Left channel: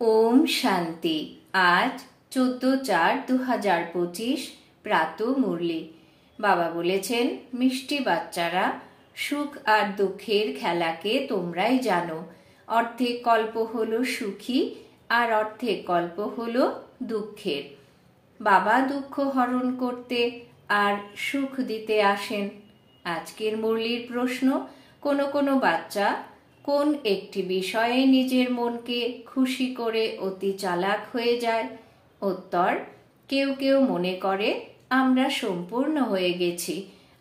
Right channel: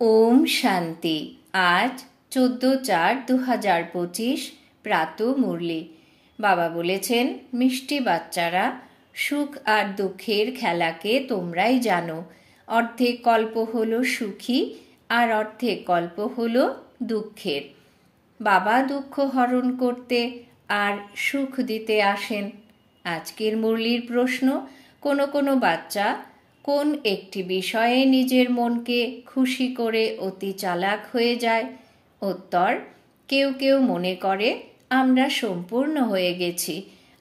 ওম শান্তি। আজ 14/4/2025 প্রাত মুরলি। বাবা বলেছেন, মিষ্টি বাচ্চারা, সুখ আর দুঃখের খেলাকে তোমরাই জানো। অর্ধেক কল্প হলো সুখী আর অর্ধেক কল্প হলো দুঃখের। বাবা দুঃখ হরণ করতে আর সুখ দিতে আসেন। আজকের মুরলির প্রশ্ন, কোনো কোনো বাচ্চা কোন একটি বিষয়ে নিজের মনকে খুশি করে অতি চালাক হয়ে যায়? উত্তর, কেউ কেউ মনে করে আমরা সম্পূর্ণ হয়ে গেছি,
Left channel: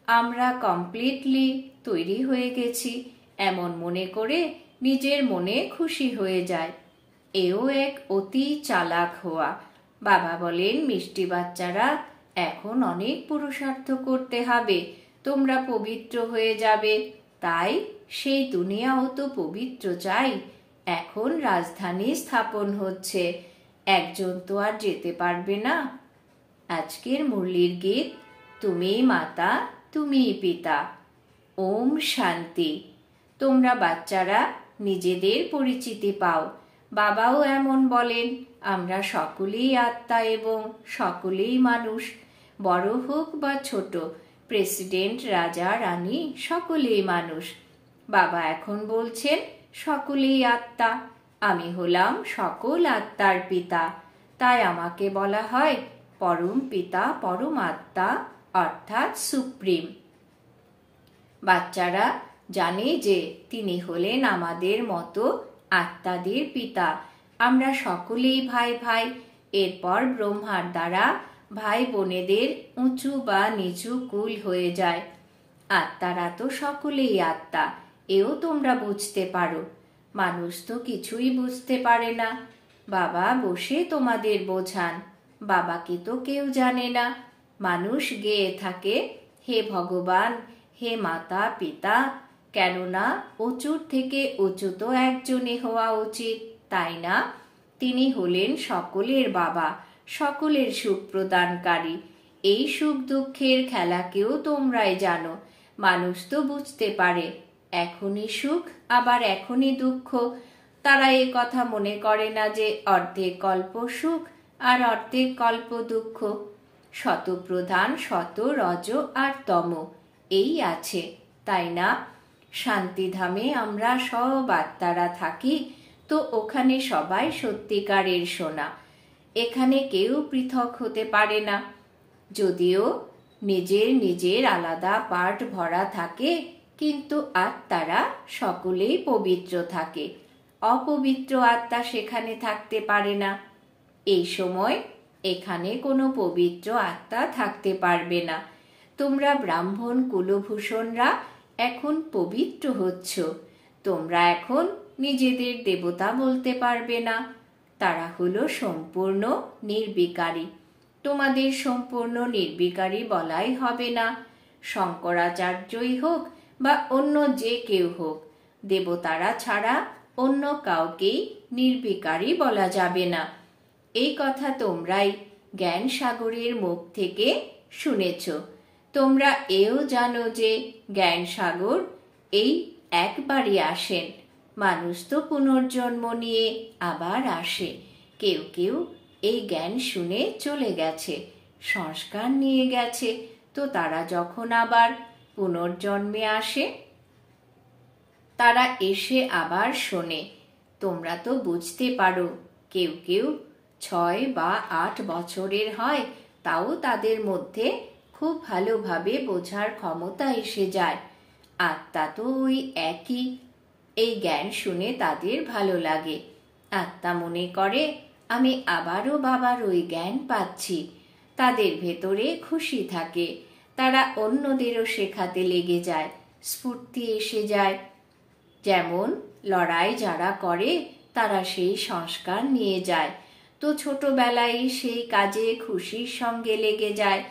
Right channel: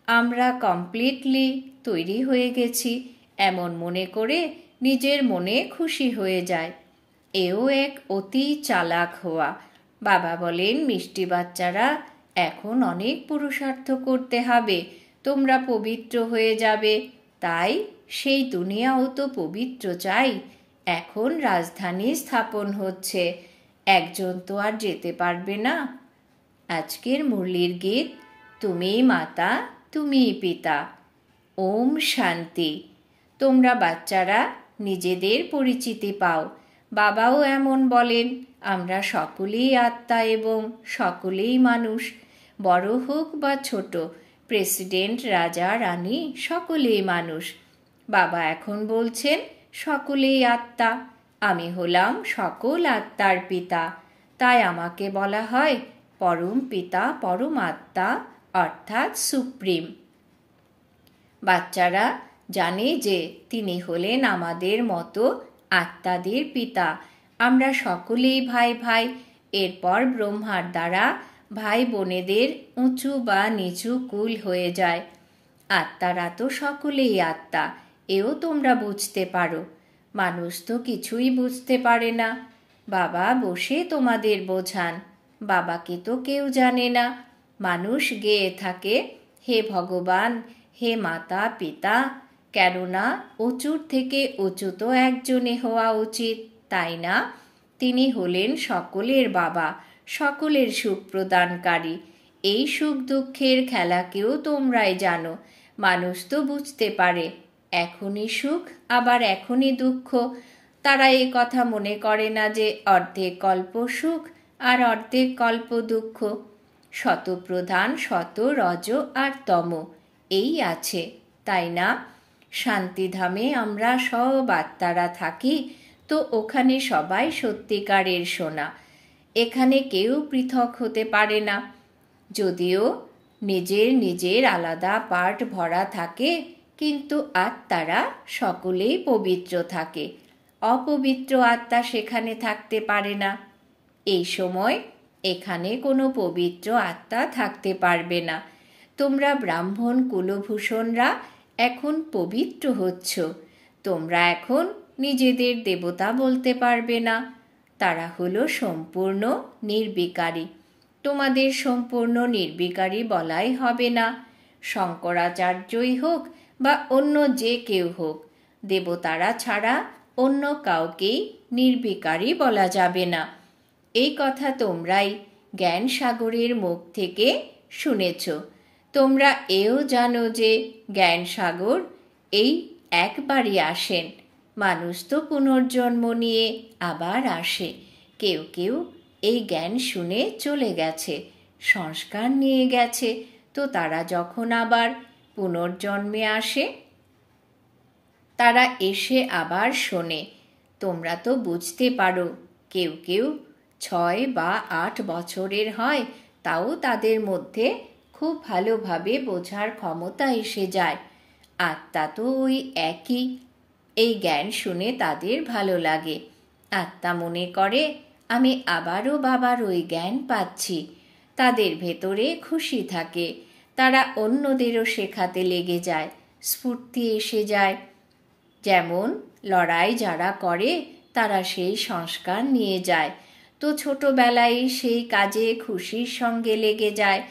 আমরা কমপ্লিটলি তৈরি হয়ে গেছি, এমন মনে করে নিজের মনে খুশি হয়ে যায়। এও এক অতি চালাক হওয়া। বাবা বলেন, মিষ্টি বাচ্চারা, এখন অনেক পুরুষার্থ করতে হবে, তোমরা পবিত্র হয়ে যাবে। তাই সেই দুনিয়াও তো পবিত্র চাই। এখন রাজধানী স্থাপন হচ্ছে, একজন তো আর যেতে পারবে না। আজকের মুরলির গীত, তুমিই মাতা, তুমিই পিতা। ওম শান্তি। তোমরা বাচ্চারা নিজেদের পরিচিতি পাও। বাবাও এমন বলেন, আমরা সকলেই আত্মা এবং সকলেই মানুষ। বড় হোক বা ছোট, প্রেসিডেন্ট, রাজা, রানী, সকলেই মানুষ। বাবা এখন বলছেন, সকলেই আত্মা। আমি হলাম সকল আত্মার পিতা, তাই আমাকে বলা হয় পরম পিতা, পরম আত্মা, অর্থাৎ সুপ্রিম। বাচ্চারা জানে যে তিনি হলেন আমাদের মতো আত্মাদের পিতা। আমরা সকলেই ভাই ভাই। এরপর ব্রহ্মার দ্বারা ভাই বোনেদের উঁচু বা নিচু কুল হয়ে যায়। আত্মারা তো সকলেই আত্মা, এও তোমরা বুঝতে পারো। মানুষ তো কিছুই বুঝতে পারে না। বাবা বসে তোমাদের বোঝান। বাবাকে তো কেউ জানে না। মানুষ গেয়ে থাকে, হে ভগবান, হে মাতা পিতা। কেননা উঁচুর থেকে উঁচু তো একজনে হওয়া উচিত, তাই না? তিনি হলেন সকলের বাবা, সকলের সুখ প্রদানকারী। এই সুখ দুঃখের খেলাকেও তোমরাই জানো। মানুষ তো বুঝতে পারে, এখনই সুখ আবার এখনই দুঃখ। তারা এ কথা মনে করে না যে অর্ধেক কল্প সুখ আর অর্ধেক কল্প দুঃখ। শতপ্রধান, শত, রজ আর তম, এই আছে, তাই না? শান্তিধামে আমরা সব আত্মারা থাকি, তো ওখানে সবাই সত্যিকারের সোনা। এখানে কেউ পৃথক হতে পারে না। যদিও নিজের নিজের আলাদা পার্ট ভরা থাকে, কিন্তু আত্মারা সকলেই পবিত্র থাকে। অপবিত্র আত্মা সেখানে থাকতে পারে না। এই সময় এখানে কোনো পবিত্র আত্মা থাকতে পারবে না। তোমরা ব্রাহ্মণ কুলভূষণরা এখন পবিত্র হচ্ছ। তোমরা এখন নিজেদের দেবতা বলতে পারবে না। তারা হলো সম্পূর্ণ নির্বিকারী। তোমাদের সম্পূর্ণ নির্বিকারী বলাই হবে না। শঙ্করাচার্যই হোক বা অন্য যে কেউ হোক, দেবতারা ছাড়া অন্য কাউকেই নির্বিকারী বলা যাবে না। এই কথা তোমরাই জ্ঞান সাগরের মুখ থেকে শুনেছ। তোমরা এও জানো যে জ্ঞান সাগর এই একবারই আসেন। মানুষ তো পুনর্জন্ম নিয়ে আবার আসে। কেউ কেউ এই জ্ঞান শুনে চলে গেছে, সংস্কার নিয়ে গেছে, তো তারা যখন আবার পুনর্জন্মে আসে, তারা এসে আবার শোনে। তোমরা তো বুঝতে পারো, কেউ কেউ 6 বা 8 বছরের হয়, তাও তাদের মধ্যে খুব ভালোভাবে বোঝার ক্ষমতা এসে যায়। আত্মা তো ওই একই। এই জ্ঞান শুনে তাদের ভালো লাগে। আত্মা মনে করে, আমি আবারও বাবার ওই জ্ঞান পাচ্ছি। তাদের ভেতরে খুশি থাকে। তারা অন্যদেরও শেখাতে লেগে যায়, স্ফূর্তি এসে যায়। যেমন লড়াই যারা করে, তারা সেই সংস্কার নিয়ে যায়, তো ছোটবেলায় সেই কাজে খুশির সঙ্গে লেগে যায়।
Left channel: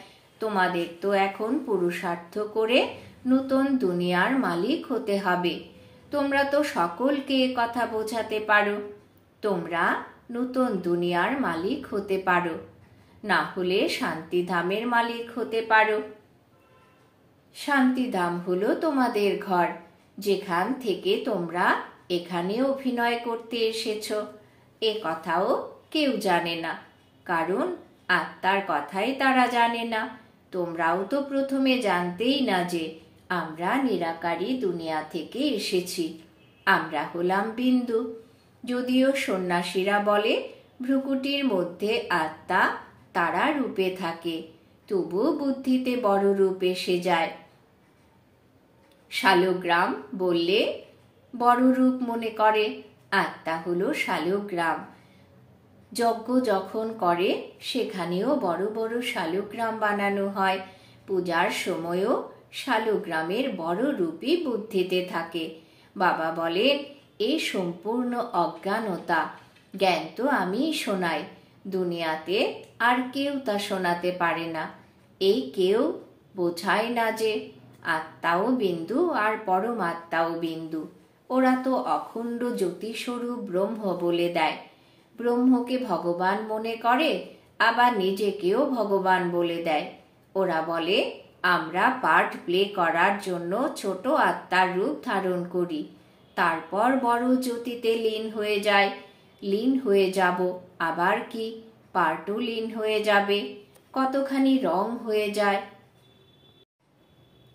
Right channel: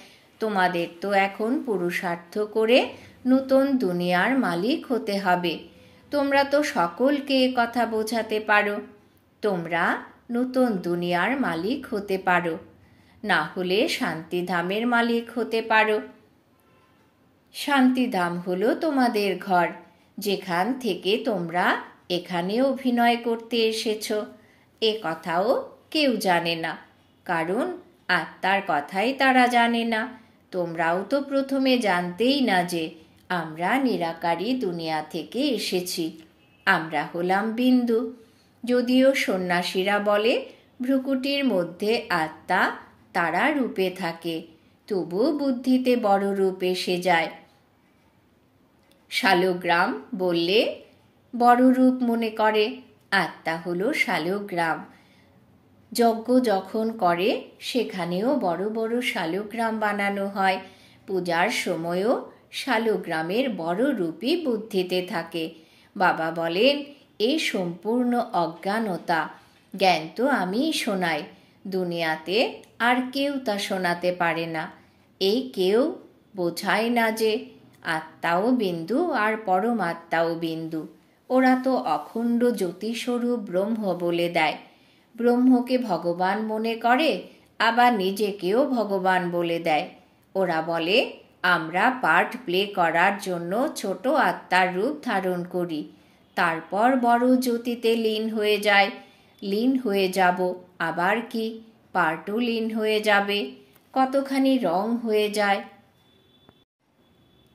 তোমাদের তো এখন পুরুষার্থ করে নতুন দুনিয়ার মালিক হতে হবে। তোমরা তো সকলকে কথা বোঝাতে পারো। তোমরা নতুন দুনিয়ার মালিক হতে পারো, না হলে শান্তিধামের মালিক হতে পারো। শান্তিধাম হলো তোমাদের ঘর, যেখান থেকে তোমরা এখানে অভিনয় করতে এসেছ। এ কথাও কেউ জানে না, কারণ আত্মার কথাই তারা জানে না। তোমরাও তো প্রথমে জানতেই না যে আমরা নিরাকারী দুনিয়া থেকে এসেছি। আমরা হলাম বিন্দু। যদিও সন্ন্যাসীরা বলে ভ্রুকুটির মধ্যে আত্মা তারা রূপে থাকে, তবু বুদ্ধিতে বড় রূপ এসে যায়। শালগ্রাম বললে বড় রূপ মনে করে, আত্মা হলো শালগ্রাম। যজ্ঞ যখন করে সেখানেও বড় বড় শালগ্রাম বানানো হয়। পূজার সময়ও শালগ্রামের বড় রূপই বুদ্ধিতে থাকে। বাবা বলেন, এ সম্পূর্ণ অজ্ঞানতা। জ্ঞান তো আমিই শোনাই, দুনিয়াতে আর কেউ তা শোনাতে পারে না। এই কেউ বোঝায় না যে আত্মাও বিন্দু আর পরমাত্মাও বিন্দু। ওরা তো অখণ্ড জ্যোতিস্বরূপ ব্রহ্ম বলে দেয়। ব্রহ্মকে ভগবান মনে করে, আবার নিজেকেও ভগবান বলে দেয়। ওরা বলে আমরা পার্ট প্লে করার জন্য ছোট আত্মার রূপ ধারণ করি, তারপর বড় জ্যোতিতে লীন হয়ে যায়। লীন হয়ে যাব, আবার কি পার্টও লীন হয়ে যাবে, কতখানি রং হয়ে যায়।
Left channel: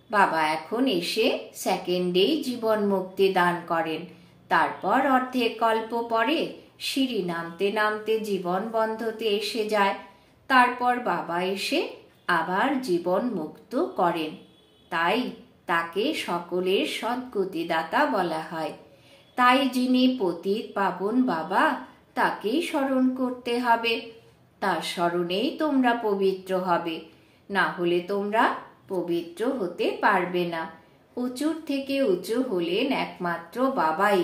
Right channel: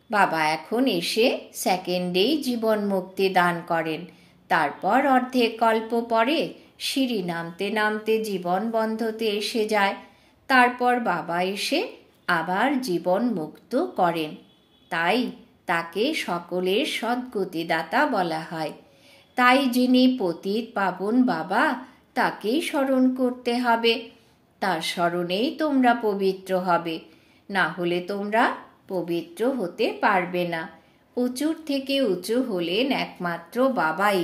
বাবা এখন এসে সেকেন্ডেই জীবন মুক্তি দান করেন। তারপর অর্ধেক কল্প পরে সিঁড়ি নামতে নামতে জীবন বন্ধতে এসে যায়। তারপর বাবা এসে আবার জীবন মুক্ত করেন। তাই তাকে সকলের সদ্গতিদাতা বলা হয়। তাই যিনি পতিত পাবন বাবা, তাকেই স্মরণ করতে হবে। তার স্মরণেই তোমরা পবিত্র হবে, না হলে তোমরা পবিত্র হতে পারবে না। উঁচুর থেকে উঁচু হলেন একমাত্র বাবাই।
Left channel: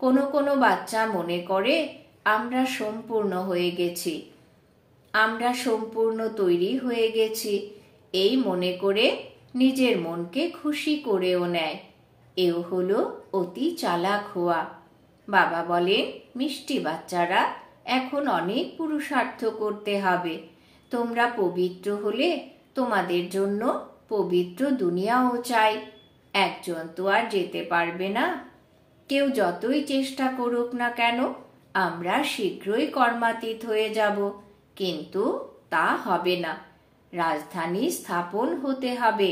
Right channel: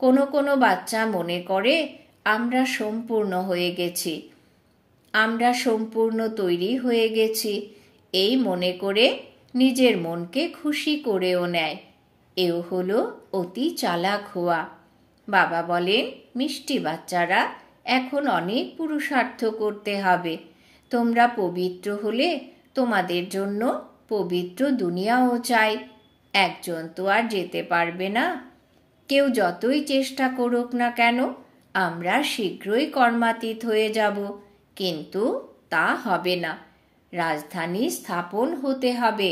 কোনো কোনো বাচ্চা মনে করে আমরা সম্পূর্ণ হয়ে গেছি, আমরা সম্পূর্ণ তৈরি হয়ে গেছি, এই মনে করে নিজের মনকে খুশি করেও নেয়। এও হলো অতি চালাক হওয়া। বাবা বলেন, মিষ্টি বাচ্চারা, এখন অনেক পুরুষার্থ করতে হবে। তোমরা পবিত্র হলে তোমাদের জন্য পবিত্র দুনিয়াও চাই। একজন তো আর যেতে পারবে না। কেউ যতই চেষ্টা করুক না কেন, আমরা শীঘ্রই কর্মাতীত হয়ে যাব, কিন্তু তা হবে না। রাজধানী স্থাপন হতে হবে।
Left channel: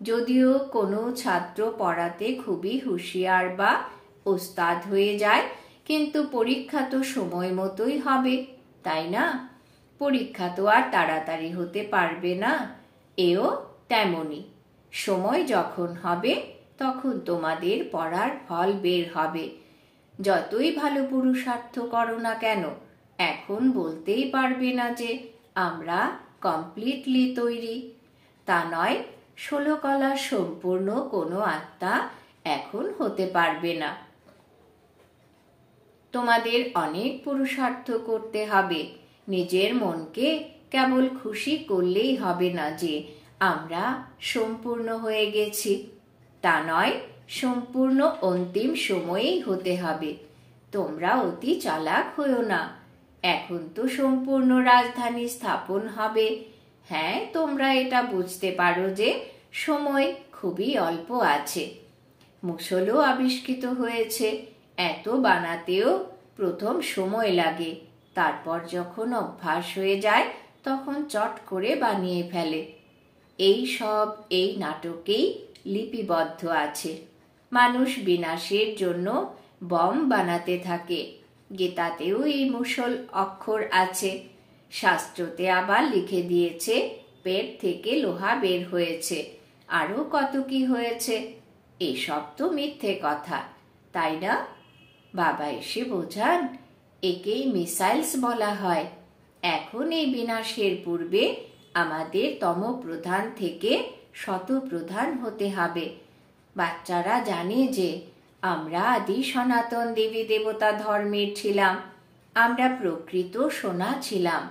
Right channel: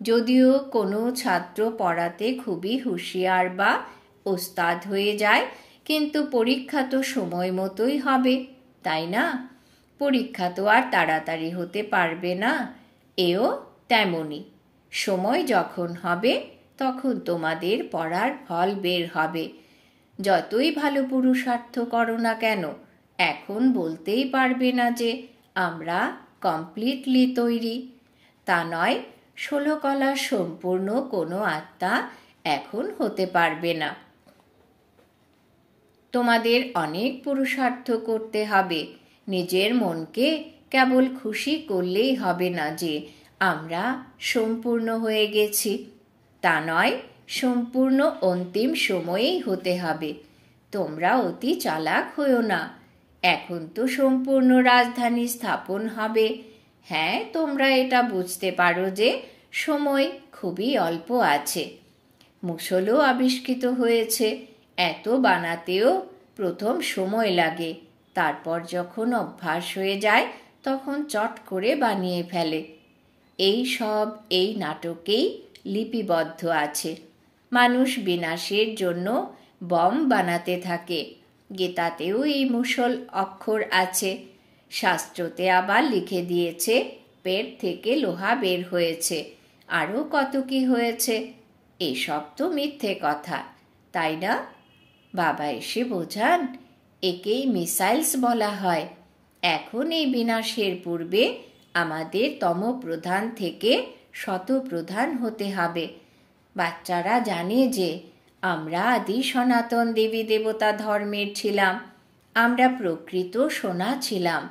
যদিও কোনো ছাত্র পড়াতে খুবই হুঁশিয়ার বা ওস্তাদ হয়ে যায়, কিন্তু পরীক্ষা তো সময় মতোই হবে, তাই না? পরীক্ষা তো আর তাড়াতাড়ি হতে পারবে না। এও তেমনি, সময় যখন হবে তখন তোমাদের পড়ার ফল বের হবে। যতই ভালো পুরুষার্থ করো না কেন, এখন বলতেই পারবে না যে আমরা কমপ্লিটলি তৈরি। তা নয়, 16 কলা সম্পূর্ণ কোনো আত্মা এখন হতে পারবে না। তোমাদের অনেক পুরুষার্থ করতে হবে। নিজের মনকে কেবল খুশি করলেই হবে না যে আমরা সম্পূর্ণ হয়ে গেছি। তা নয়, সম্পূর্ণ অন্তিম সময়েই হতে হবে। তোমরা অতি চালাক হইও না। এখন তো সম্পূর্ণ রাজধানী স্থাপন হবে। হ্যাঁ, তোমরা এটা বুঝতে পারো যে সময় খুবই অল্প আছে। মুসলও আবিষ্কৃত হয়েছে। এত বানাতেও প্রথম সময় লাগে, তারপর যখন অভ্যাস হয়ে যায় তখন চট করে বানিয়ে ফেলে। এই সব এই নাটকেই লিপিবদ্ধ আছে। মানুষ বিনাশের জন্য বম বানাতে থাকে। গীতাতেও এই মুসল অক্ষর আছে। শাস্ত্রতে আবার লিখে দিয়েছে পেট থেকে লোহা বের হয়েছে, আরও কত কি হয়েছে। এসব তো মিথ্যে কথা, তাই না? বাবা এসে বোঝান, একেই মিসাইলস বলা হয়। এখন এই বিনাশের পূর্বে আমাদের তম প্রধান থেকে শত প্রধান হতে হবে। বাচ্চারা জানে যে আমরা আদি সনাতন দেবী দেবতা ধর্মের ছিলাম। আমরা প্রকৃত সোনা ছিলাম।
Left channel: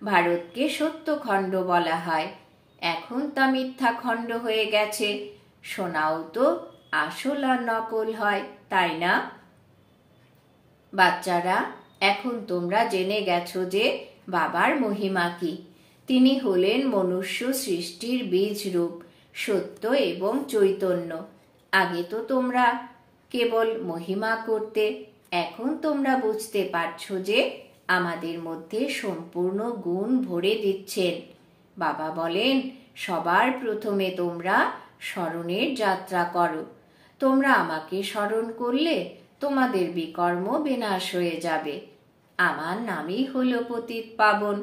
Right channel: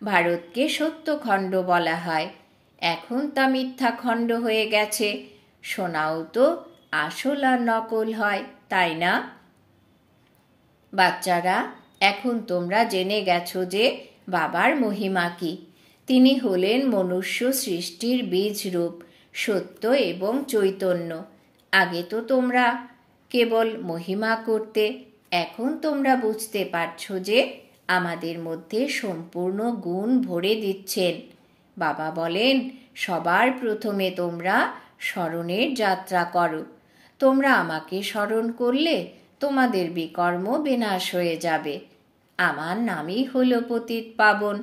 ভারতকে সত্যখণ্ড বলা হয়, এখন তা মিথ্যা খণ্ড হয়ে গেছে। সোনাও তো আসল আর নকল হয়, তাই না? বাচ্চারা, এখন তোমরা জেনে গেছো যে বাবার মহিমা কি। তিনি হলেন মনুষ্য সৃষ্টির বীজ রূপ, সত্য এবং চৈতন্য। আগে তো তোমরা কেবল মহিমা করতে, এখন তোমরা বুঝতে পারছো যে আমাদের মধ্যে সম্পূর্ণ গুণ ভরে দিচ্ছেন। বাবা বলেন, সবার প্রথমে তোমরা স্মরণের যাত্রা করো। তোমরা আমাকে স্মরণ করলে তোমাদের বিকর্ম বিনাশ হয়ে যাবে। আমার নামই হলো পতিত পাবন।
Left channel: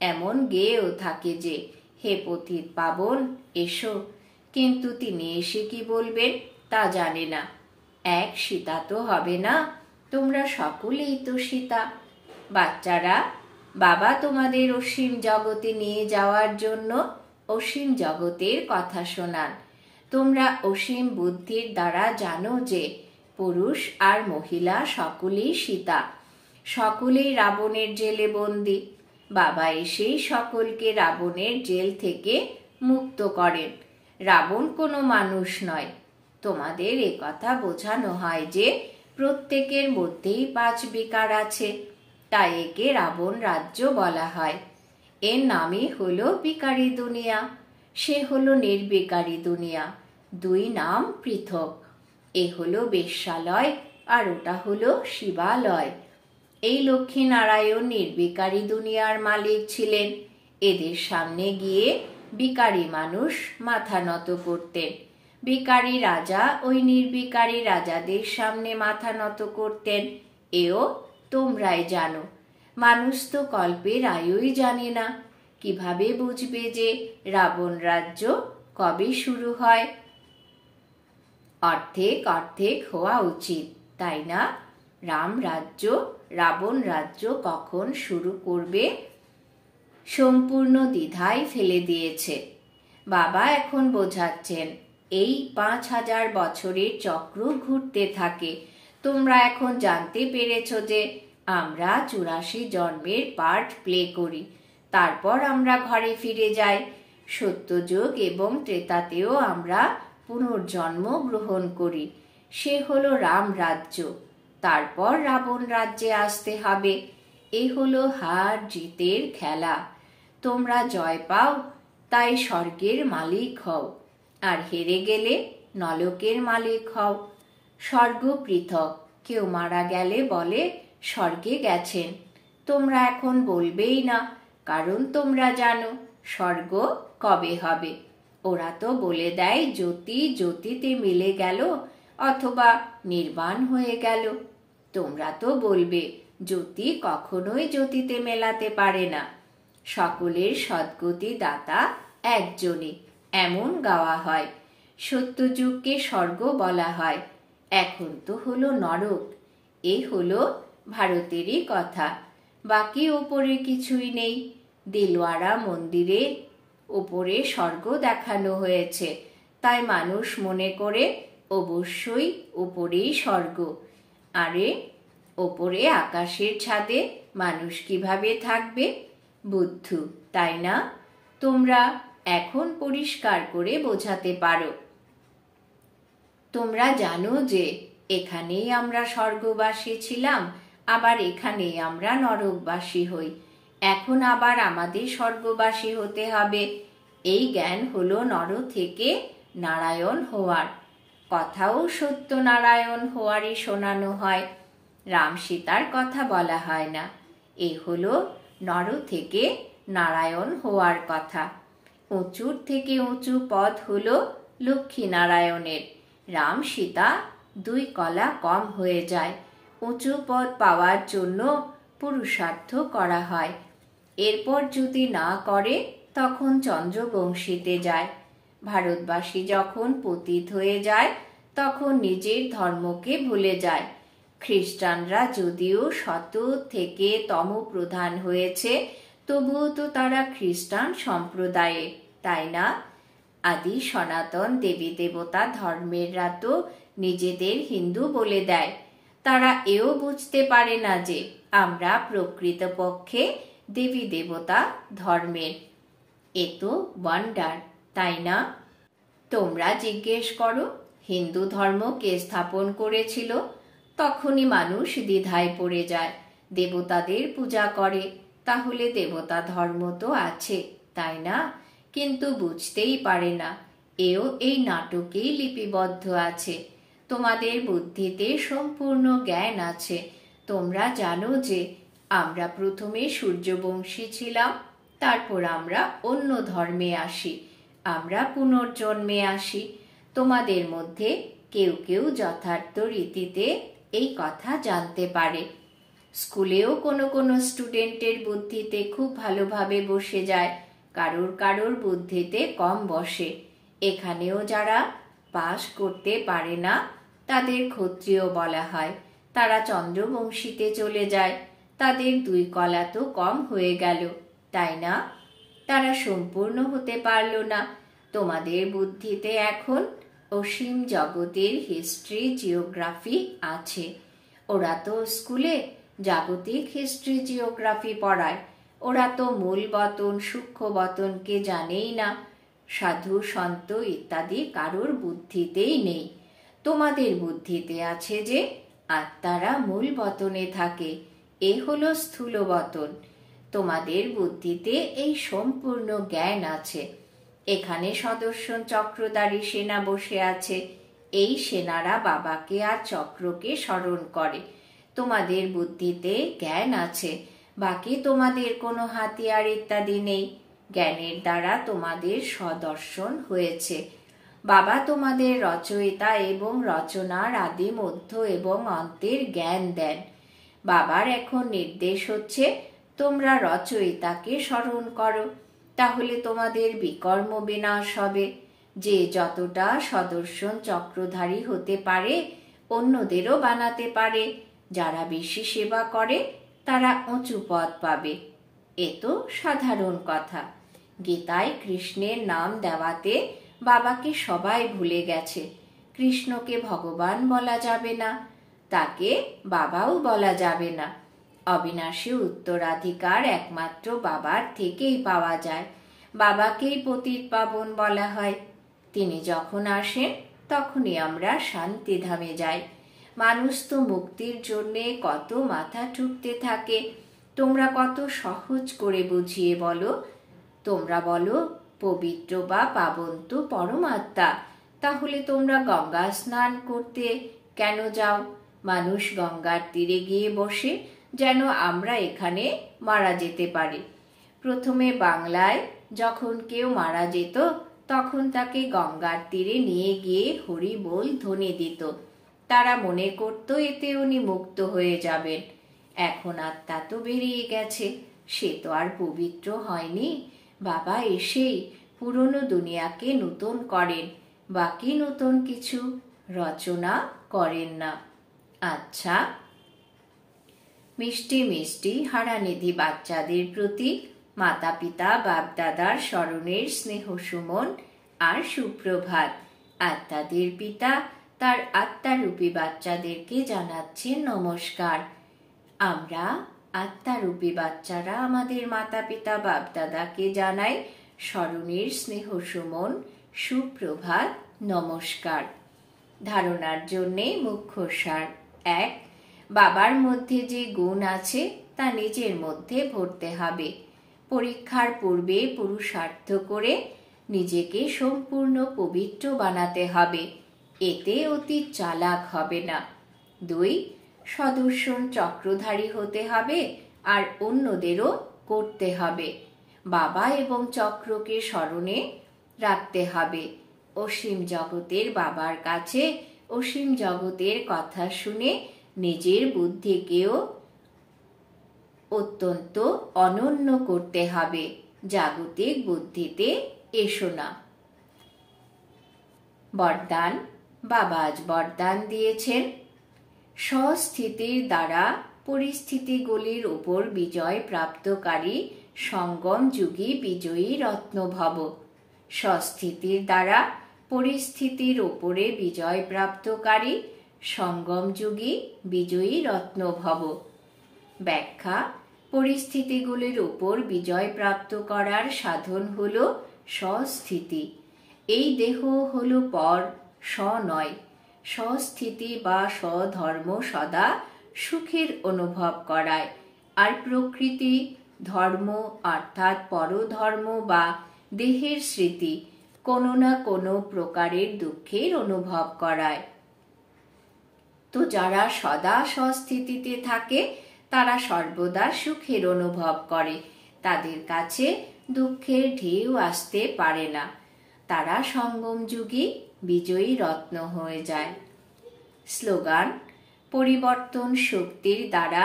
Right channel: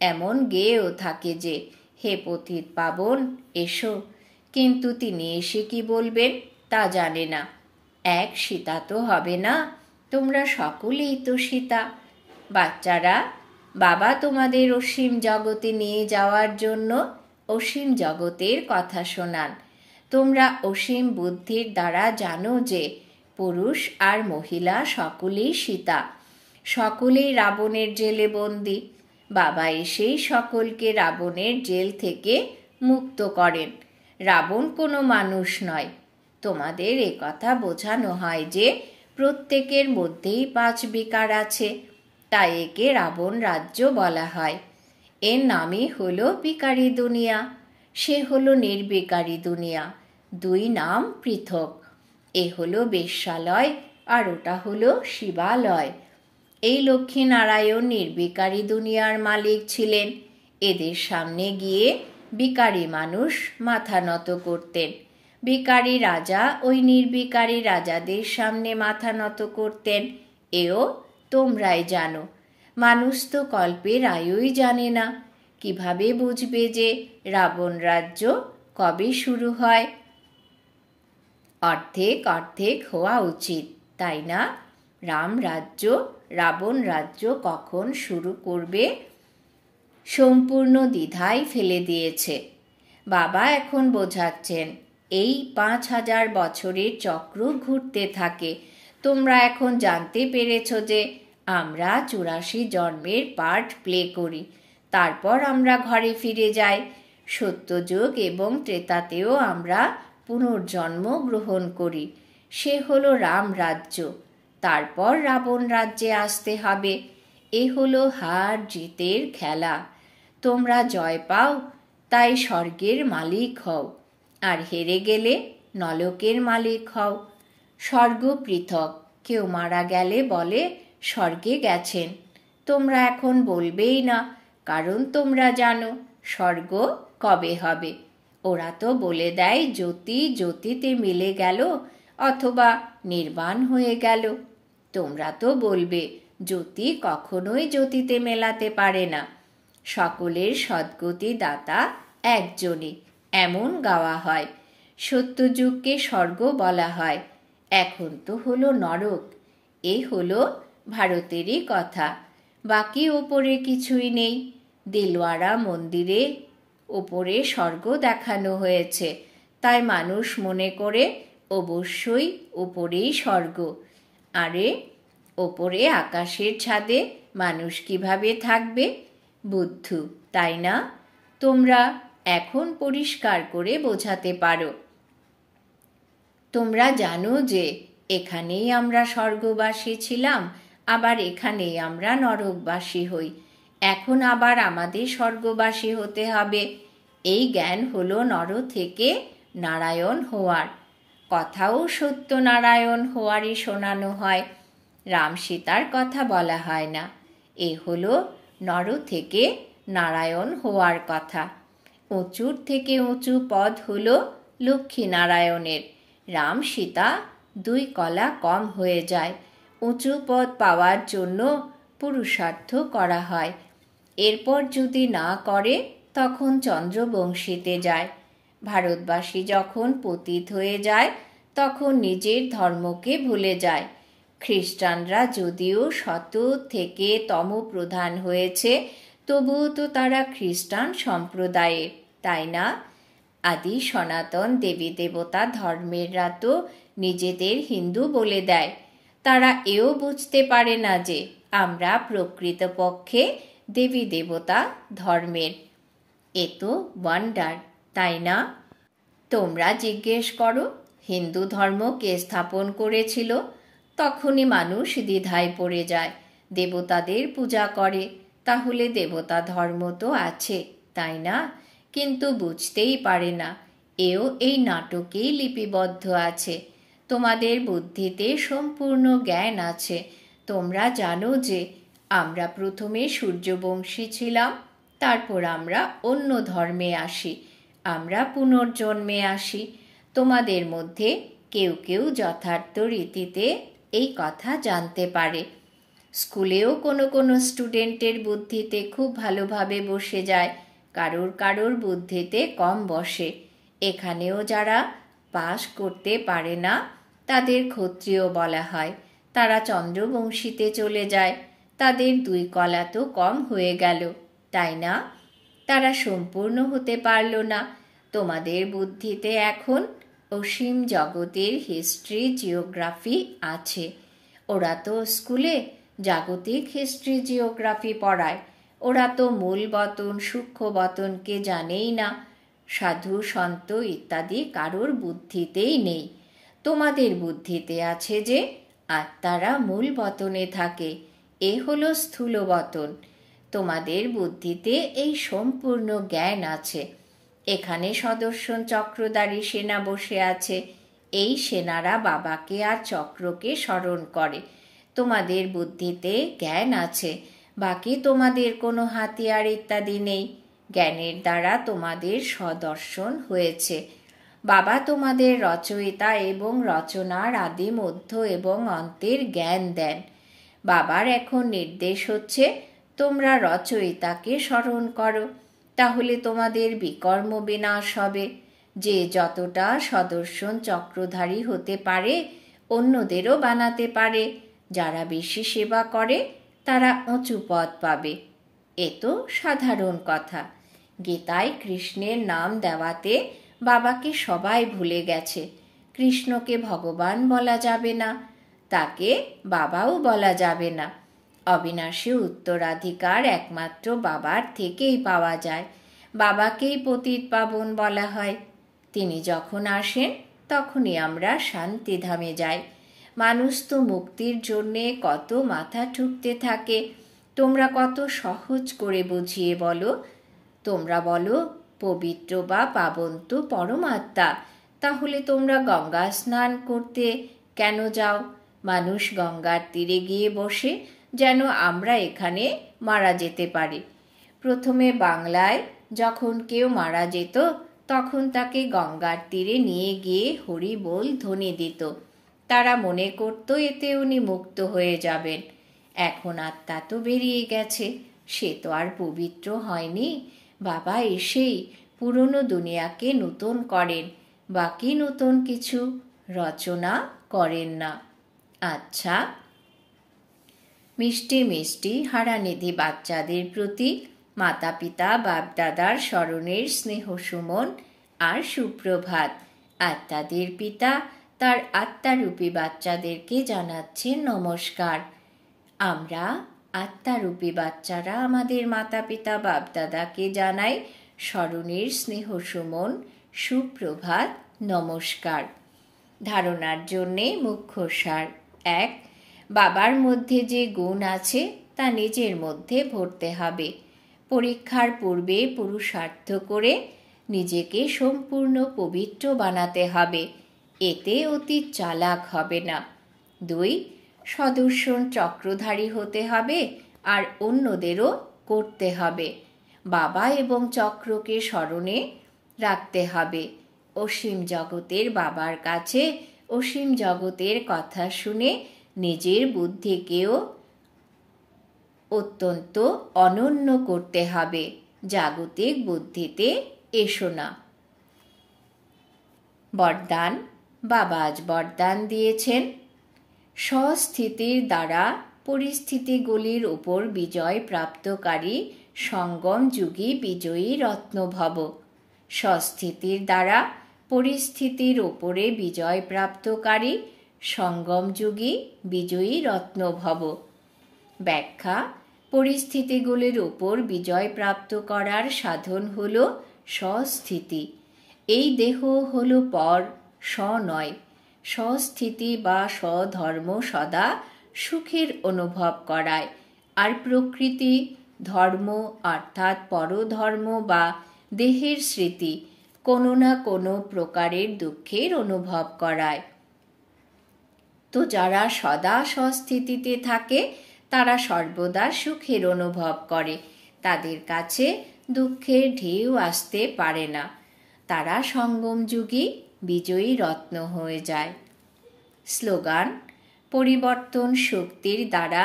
এমন গেয়েও থাকে যে, হে পতিত পাবন এসো, কিন্তু তিনি এসে কি বলবেন তা জানে না। এক সীতা তো হবে না, তোমরা সকলেই তো সীতা। বাচ্চারা, বাবা তোমাদের অসীম জগতে নিয়ে যাওয়ার জন্য অসীম জগতের কথা শোনান। তোমরা অসীম বুদ্ধির দ্বারা জানো যে পুরুষ আর মহিলা সকলেই সীতা, সকলেই রাবণের জেলে বন্দী। বাবা এসেই সকলকে রাবণের জেল থেকে মুক্ত করেন। রাবণ কোনো মানুষ নয়। তোমাদের কথা বোঝানো হয় যে প্রত্যেকের মধ্যেই 5 বিকার আছে, তাই একে রাবণ রাজ্য বলা হয়। এর নামই হলো বিকারী দুনিয়া, সে হলো নির্বিকারী দুনিয়া। 2 নাম পৃথক। এ হলো বেশ্যালয় আর ওটা হলো শিবালয়। এই লক্ষ্মীনারায়ণ নির্বিকারী দুনিয়ার মালিক ছিলেন। এদের সামনে গিয়ে বিকারী মানুষ মাথা নত করতেন। বিকারী রাজা ওই নির্বিকারী রাজাদের সামনে মাথা নত করতেন। এও তোমরাই জানো। মানুষ তো কল্পের আয়ুই জানে না। কিভাবে বুঝবে যে রাবণ রাজ্য কবে শুরু হয়? অর্ধেক অর্ধেক হওয়া উচিত, তাই না? রাম রাজ্য রাবণ রাজ্য কখন শুরু করবে সম্পূর্ণ দ্বিধায় ফেলে দিয়েছে। বাবা এখন বোঝাচ্ছেন, এই 5000 বছরের চক্র ঘুরতে থাকে। তোমরা এখন জানতে পেরেছ যে আমরা 84 জন্মের পার্ট প্লে করি, তারপর আমরা ঘরে ফিরে যাই। সত্যযুগ এবং ত্রেতাতেও আমরা পুনর্জন্ম গ্রহণ করি, সে হলো রাম রাজ্য। তারপর রাবণ রাজ্যে আসতে হবে। এ হলো হার জিতের খেলা। তোমরা জয় পাও তাই স্বর্গের মালিক হও, আর হেরে গেলে নরকের মালিক হও। স্বর্গ পৃথক। কেউ মারা গেলে বলে স্বর্গে গেছেন। তোমরা এখন বলবেই না, কারণ তোমরা জানো স্বর্গ কবে হবে। ওরা তো বলে দেয় জ্যোতি জ্যোতিতে মিলে গেল অথবা নির্বাণ হয়ে গেল। তোমরা তো বলবে জ্যোতি কখনোই জ্যোতিতে মেলাতে পারে না। সকলের সদ্গতি দাতা একজনই, এমন গাওয়া হয়। সত্যযুগকে স্বর্গ বলা হয়। এখন তো হলো নরক। এ হলো ভারতেরই কথা। বাকি ওপরে কিছুই নেই। দিলওয়ারা মন্দিরে ওপরে স্বর্গ দেখানো হয়েছে, তাই মানুষ মনে করে অবশ্যই ওপরেই স্বর্গ। আরে ওপরে আকাশের ছাদে মানুষ কিভাবে থাকবে? বুদ্ধু, তাই না? তোমরা এখন পরিষ্কার করে বোঝাতে পারো। তোমরা জানো যে এখানেই আমরা স্বর্গবাসী ছিলাম, আবার এখানেই আমরা নরকবাসী হই। এখন আবার আমাদের স্বর্গবাসী হতে হবে। এই জ্ঞান হলো নর থেকে নারায়ণ হওয়ার। কথাও সত্যনারায়ণ হওয়ারই শোনানো হয়, রাম সীতার কথা বলা হয় না। এ হলো নর থেকে নারায়ণ হওয়ার কথা। উঁচুর থেকে উঁচু পদ হলো লক্ষ্মীনারায়ণের। রাম সীতা 2 কলা কম হয়ে যায়। উঁচু পদ পাওয়ার জন্য পুরুষার্থ করা হয়। এরপর যদি না করে তখন চন্দ্রবংশীতে যায়। ভারতবাসী যখন পতিত হয়ে যায় তখন নিজের ধর্মকে ভুলে যায়। খ্রিস্টানরা যদিও শত থেকে তম প্রধান হয়েছে, তবুও তো তারা খ্রিস্টান সম্প্রদায়ে, তাই না? আদি সনাতন দেবী দেবতা ধর্মেররা তো নিজেদের হিন্দু বলে দেয়। তারা এও বুঝতে পারে না যে আমরা প্রকৃতপক্ষে দেবী দেবতা ধর্মের। এ তো ওয়ান্ডার, তাই না? তোমরা জিজ্ঞেস করো হিন্দু ধর্ম কে স্থাপন করেছিল? তখনই মানুষ দ্বিধায় পড়ে যায়। দেবতাদের পূজা করে, তাহলে দেবতা ধর্ম তো আছে, তাই না? কিন্তু বুঝতেই পারে না এও এই নাটকেই লিপিবদ্ধ আছে। তোমাদের বুদ্ধিতে সম্পূর্ণ জ্ঞান আছে। তোমরা জানো যে আমরা প্রথমে সূর্যবংশী ছিলাম, তারপর আমরা অন্য ধর্মে আসি, আমরা পুনর্জন্মে আসি। তোমাদের মধ্যে কেউ কেউ যথার্থ রীতিতে এই কথা জানতে পারে। স্কুলেও কোনো কোনো স্টুডেন্টের বুদ্ধিতে খুব ভালোভাবে বসে যায়, কারোর কারোর বুদ্ধিতে কম বসে। এখানেও যারা পাস করতে পারে না তাদের ক্ষত্রিয় বলা হয়। তারা চন্দ্রবংশীতে চলে যায়। তাদের 2 কলা তো কম হয়ে গেল, তাই না? তারা সম্পূর্ণ হতে পারল না। তোমাদের বুদ্ধিতে এখন অসীম জগতের হিস্ট্রি, জিওগ্রাফি আছে। ওরা তো স্কুলে জাগতিক হিস্ট্রি, জিওগ্রাফি পড়ায়। ওরা তো মূল বতন, সূক্ষ্ম বতনকে জানেই না। সাধু, সন্ত ইত্যাদি কারোর বুদ্ধিতেই নেই। তোমাদের বুদ্ধিতে আছে যে আত্মারা মূল বতনে থাকে, এ হলো স্থূল বতন। তোমাদের বুদ্ধিতে এই সম্পূর্ণ জ্ঞান আছে। এখানে সদর্শন চক্রধারী সেনা বসে আছে। এই সেনারা বাবাকে আর চক্রকে স্মরণ করে। তোমাদের বুদ্ধিতে জ্ঞান আছে, বাকি তোমাদের কোনো হাতিয়ার ইত্যাদি নেই। জ্ঞানের দ্বারা তোমাদের সদর্শন হয়েছে। বাবা তোমাদের রচয়িতা এবং রচনার আদি, মধ্য এবং অন্তের জ্ঞান দেন। বাবার এখন নির্দেশ হচ্ছে তোমরা রচয়িতাকে স্মরণ করো, তাহলে তোমাদের বিকর্ম বিনাশ হবে। যে যতটা সদর্শন চক্রধারী হতে পারে অন্যদেরও বানাতে পারে। যারা বেশি সেবা করে তারা উঁচু পদ পাবে। এ তো সাধারণ কথা। গীতায় কৃষ্ণের নাম দেওয়াতে বাবাকে সবাই ভুলে গেছে। কৃষ্ণকে ভগবান বলা যাবে না, তাকে বাবাও বলা যাবে না। অবিনাশী উত্তরাধিকার একমাত্র বাবার থেকেই পাওয়া যায়। বাবাকেই পতিত পাবন বলা হয়। তিনি যখন আসেন তখনই আমরা শান্তিধামে যাই। মানুষ তো মুক্তির জন্যে কত মাথা ঠুকতে থাকে। তোমরা কত সহজ করে বুঝিয়ে বলো। তোমরা বলো পবিত্র বা পাবন তো পরমাত্মা, তাহলে তোমরা গঙ্গা স্নান করতে কেন যাও? মানুষ গঙ্গার তীরে গিয়ে বসে যেন আমরা এখানে মারা যেতে পারি। প্রথমে বাংলায় যখন কেউ মারা যেত তখন তাকে গঙ্গার তীরে নিয়ে গিয়ে হরি বল ধ্বনি দিত। তারা মনে করত এতে উনি মুক্ত হয়ে যাবেন। এখন আত্মা তো বেরিয়ে গেছে, সে তো আর পবিত্র হয়নি। বাবা এসেই পুরনো দুনিয়াকে নূতন করেন, বাকি নতুন কিছু রচনা করেন না। আচ্ছা, মিষ্টি মিষ্টি হারানিধি বাচ্চাদের প্রতি মাতা পিতা বাপদাদার স্মরণের স্নেহ সুমন আর সুপ্রভাত। আত্মাদের পিতা তার আত্মারূপী বাচ্চাদেরকে জানাচ্ছেন নমস্কার। আমরা আত্মারূপী বাচ্চারা আমাদের মাতা পিতা বাপদাদাকে জানাই স্মরণের স্নেহ সুমন, সুপ্রভাত, নমস্কার। ধারণার জন্যে মুখ্য সার: 1. বাবার মধ্যে যে গুণ আছে তা নিজের মধ্যে ভরতে হবে। পরীক্ষার পূর্বে পুরুষার্থ করে নিজেকে সম্পূর্ণ পবিত্র বানাতে হবে, এতে অতি চালাক হবে না। 2. সদর্শন চক্রধারী হতে হবে আর অন্যদেরও করতে হবে। বাবা এবং চক্রকে স্মরণে রাখতে হবে। অসীম জগতের বাবার কাছে অসীম জগতের কথা শুনে নিজের বুদ্ধিকেও অত্যন্ত অনন্য করতে হবে। জাগতিক বুদ্ধিতে এসো না। বরদান: বাবা আজ বরদান দিয়েছেন, স্বস্থিতির দ্বারা পরিস্থিতিগুলির উপর বিজয় প্রাপ্তকারী সঙ্গম যুগী বিজয়ী রত্ন ভব। স্বস্থিতির দ্বারা পরিস্থিতির উপরে বিজয় প্রাপ্তকারী সঙ্গম যুগী বিজয়ী রত্ন ভব। ব্যাখ্যা: পরিস্থিতিগুলির উপর বিজয় প্রাপ্ত করার সাধন হল স্বস্থিতি। এই দেহ হল পর, স্ব নয়। স্বস্থিতি বা স্বধর্ম সদা সুখের অনুভব করায়, আর প্রকৃতি ধর্ম অর্থাৎ পরধর্ম বা দেহের স্মৃতি কোনো না কোনো প্রকারের দুঃখের অনুভব করায়। তো যারা সদা স্বস্থিতিতে থাকে তারা সর্বদা সুখের অনুভব করে, তাদের কাছে দুঃখের ঢেউ আসতে পারে না। তারা সঙ্গম যুগে বিজয়ী রত্ন হয়ে যায়। স্লোগান: পরিবর্তন শক্তির দ্বারা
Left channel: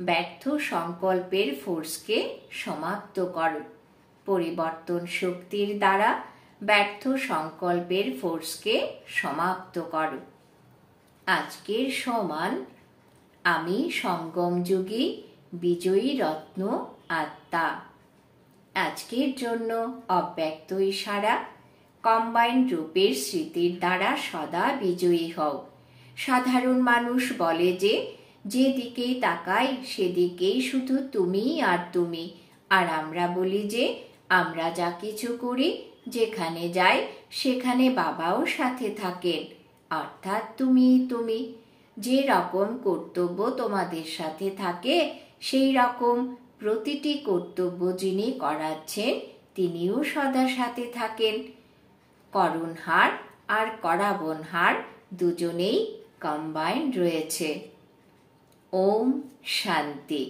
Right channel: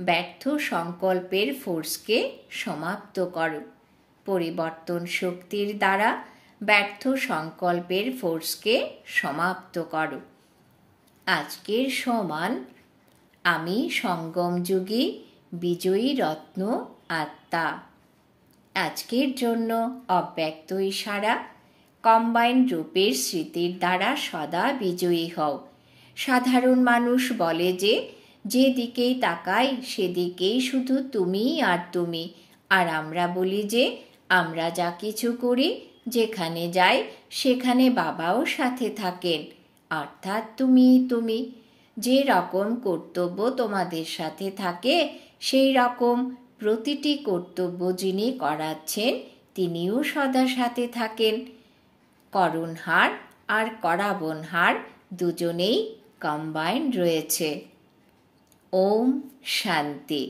ব্যর্থ সংকল্পের ফোর্সকে সমাপ্ত করো। পরিবর্তন শক্তির দ্বারা ব্যর্থ সংকল্পের ফোর্সকে সমাপ্ত করো। আজকের সমান: আমি সঙ্গম যুগে বিজয়ী রত্ন আত্মা। আজকের জন্য অব্যক্ত ইশারা: কম্বাইন রূপের স্মৃতির দ্বারা সদা বিজয়ী হও। সাধারণ মানুষ বলে যে যেদিকেই তাকায় সেদিকেই শুধু তুমি আর তুমি, আর আমরা বলি যে আমরা যা কিছু করি, যেখানে যাই সেখানে বাবাও সাথে থাকেন, অর্থাৎ তুমি। যে রকম কর্তব্য তোমাদের সাথে থাকে সেই রকম প্রতিটি কর্তব্য যিনি করাচ্ছেন তিনিও সদা সাথে থাকেন। করণহার আর করাবনহার দুজনেই কম্বাইন্ড রয়েছে। ওম শান্তি।